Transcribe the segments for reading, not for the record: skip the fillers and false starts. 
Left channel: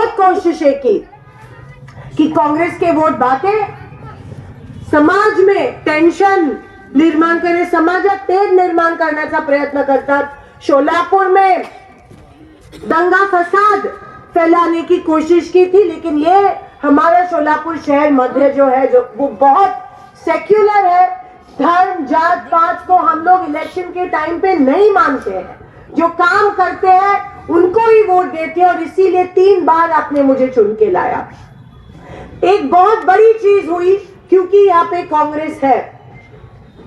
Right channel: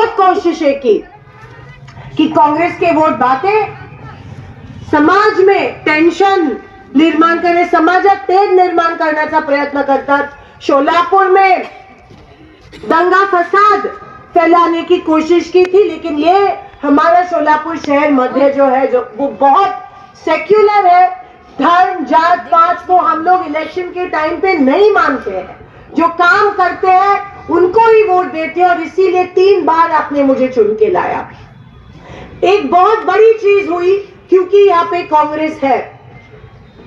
बहुत कोशिशें की कि कांग्रेस के वोट बांटे, समाज में टेंशन निर्माण करे, समाजात तेढ निर्माण करण्याचा प्रयत्न करतात, शोलापुर में दंगा फसाद फैलाने की कोशिश की थी। लेकिन ये हमारा शोलापुर शहर मध्य जो है, जो वो बहुत सेक्युलर है, धर्म जात पात को हम लोग इलेक्शन के टाइम पे नहीं मानते हैं, जो काम करते हैं उनको ही वोट देते हैं, और इसीलिए 3 बार आपने मुझे चुन के लाया। एक बहुत बड़ी चीज हुई क्योंकि यहाँ पे कांग्रेस है।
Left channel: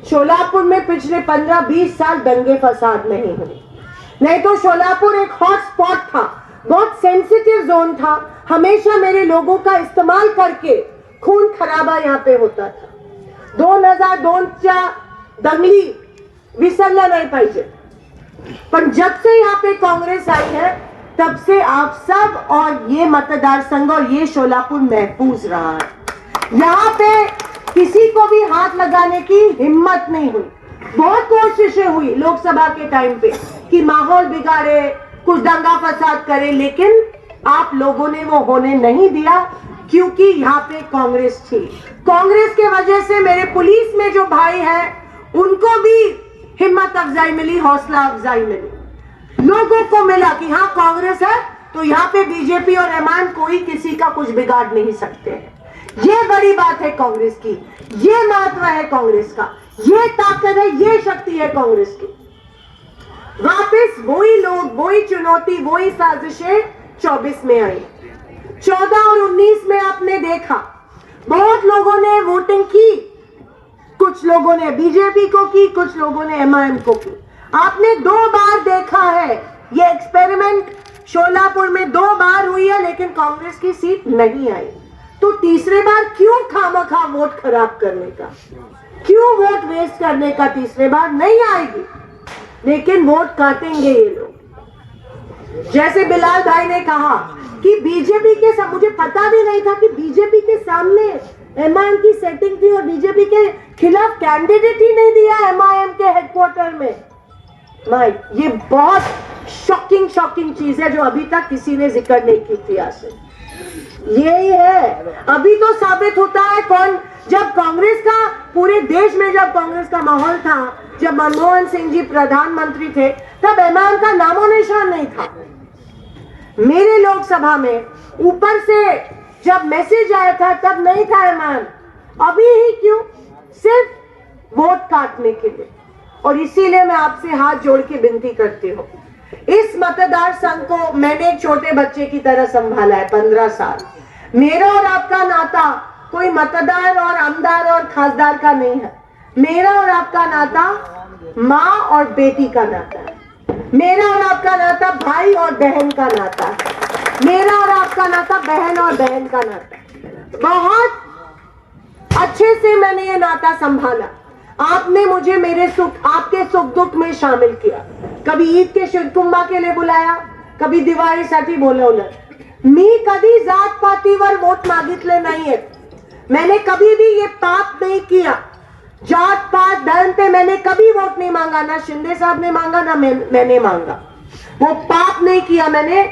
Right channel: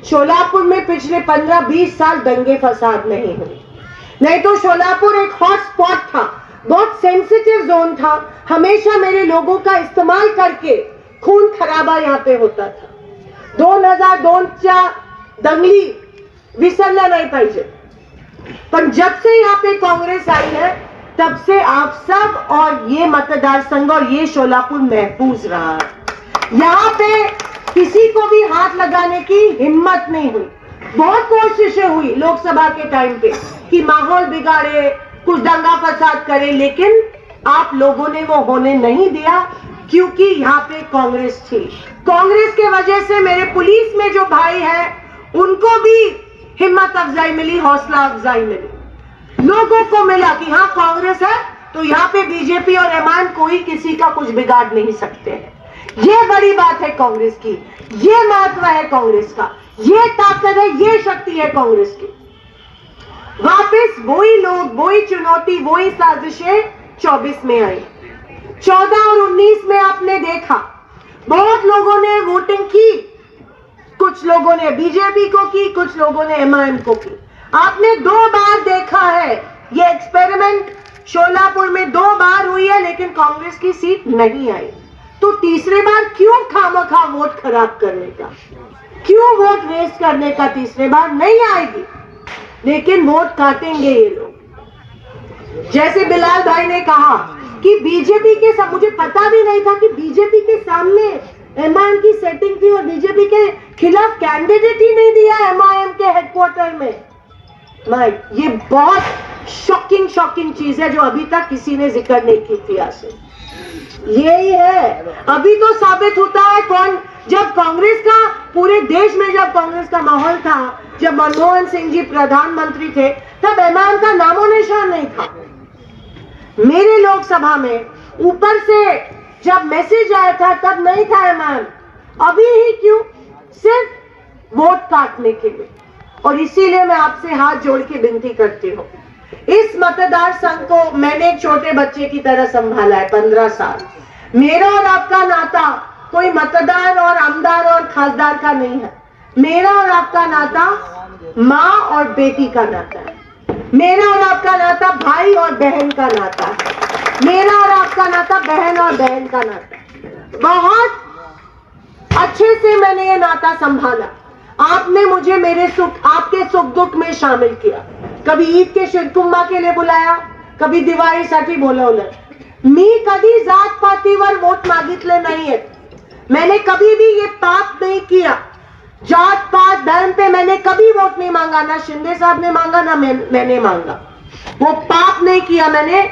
शोलापुर में पिछले 15-20 साल दंगे फसाद नहीं हुए, नहीं तो शोलापुर एक हॉट स्पॉट था, बहुत सेंसिटिव जोन था। हमेशा मेरे लोगों का इस्तेमाल करके खून खराबा यहाँ पे होता था। 2002च्या दंगली विसरला नहीं पाहिजे, पर जब से यहाँ पे कांग्रेस आई है तब से आप सब और ये मतदार संघ और ये शोलापुर महफूज रहा है। यहाँ पे किसी को भी हाथ लगाने की हिम्मत नहीं हुई। बहुत कोशिशें हुई लोकसभा के टाइम पे कि माहौल बिगाड़े, कुछ दंगा फसाद करे, लेकिन आप लोगों ने वो होने नहीं दिया क्योंकि यहाँ पे कांग्रेस थी। कांग्रेस के वजह से मेरे पुलिस में जो भाई है उनको भी हिम्मत अफजाई मिली, हौसला अफजाई मिली। लोगों को मिला कि हाँ कांग्रेस है तो यहाँ पे बीजेपी और एमआईएम कोई किसी का कुछ बिगाड़ नहीं सकते हैं। ये बड़ी बात है कांग्रेस की, ये महत्व है कांग्रेस का, ये ताकत है, ये शक्ति है कांग्रेस की। वापस वही लोग, वही चुनौती, वही साजिशें 24 में आई। 14 और 19 में आपने देखा बहुत लोगों ने वोटिंग की, कुछ लोगों ने बीजेपी को की, कुछ लोगों ने एमआईएम को की। आपने 2 बार देखा है ये एक्सपेरिमेंट शोलापुर में 2 बार हुई है, लेकिन कांग्रेस की सीट नहीं आई। तो तीसरे बार क्यों खामखा वोट खराब करने का, क्यों वोट वेस्ट करने का? तीसरे बार नहीं आएगी, लेकिन वोट काटेंगे ये लोग। जैसे बिलाल भाई ने कहा कि बीजेपी के साथ, मुझे पता भी नहीं था कि बीजेपी के सामने एमआईएम की सेटिंग थी और बीजेपी के खिलाफ कैंडिडेट ही नहीं दिया एमआईएम के हेडक्वार्टर में। भाई ये बहुत शॉकिंग चीज है जो अभी तक किसी ने जिक्र नहीं की थी। आज यही है, अभी तो साबित होता है कौन। जब कांग्रेस का पूरे देश में जब कांग्रेस का माहौल था, जब मनमोहन सिंह जी प्रधानमंत्री थे, तब एमआईएम का नामो निशान नहीं था। मेरे लोकसभा में ऊपर से जब मैसेज आया था तब नहीं था एमआईएम। अभी ही क्यों? सिर्फ वोट काटने के लिए। और इसीलिए मैं आपसे हाथ जोड़ के विनती करती हूँ, इस मतदार संघ को मैंने एक छोटे बच्चे की तरह संभाला है 15 साल। मेरा और आपका नाता कोई मतदार और आमदार और खासदार का नहीं है। मेरा और आपका नाता माँ और बेटी का नाता है। मेरा और आपका नाता भाई और बहन का नाता है। मेरा और आपका नाता बहन और बहन का नाता है। बहुत अच्छे से मैंने ये नाता संभाला। आपने मुझे मेरे सुख, आपके सुख दुख में शामिल किया। कभी ईद के शिरकुंभा के लिए बुलाया, कभी दिवाळीसाठी बोलवलं। मी कभी जात पातीवर वोट मागितले नाहीये। मैंने कभी भी ये पाप नहीं किया। जात पात धर्म पे मैंने कभी वोट नहीं मांगा, ना शिंदे साहब ने मांगा, ना मैंने मांगा। वो पाप नहीं किया मैंने।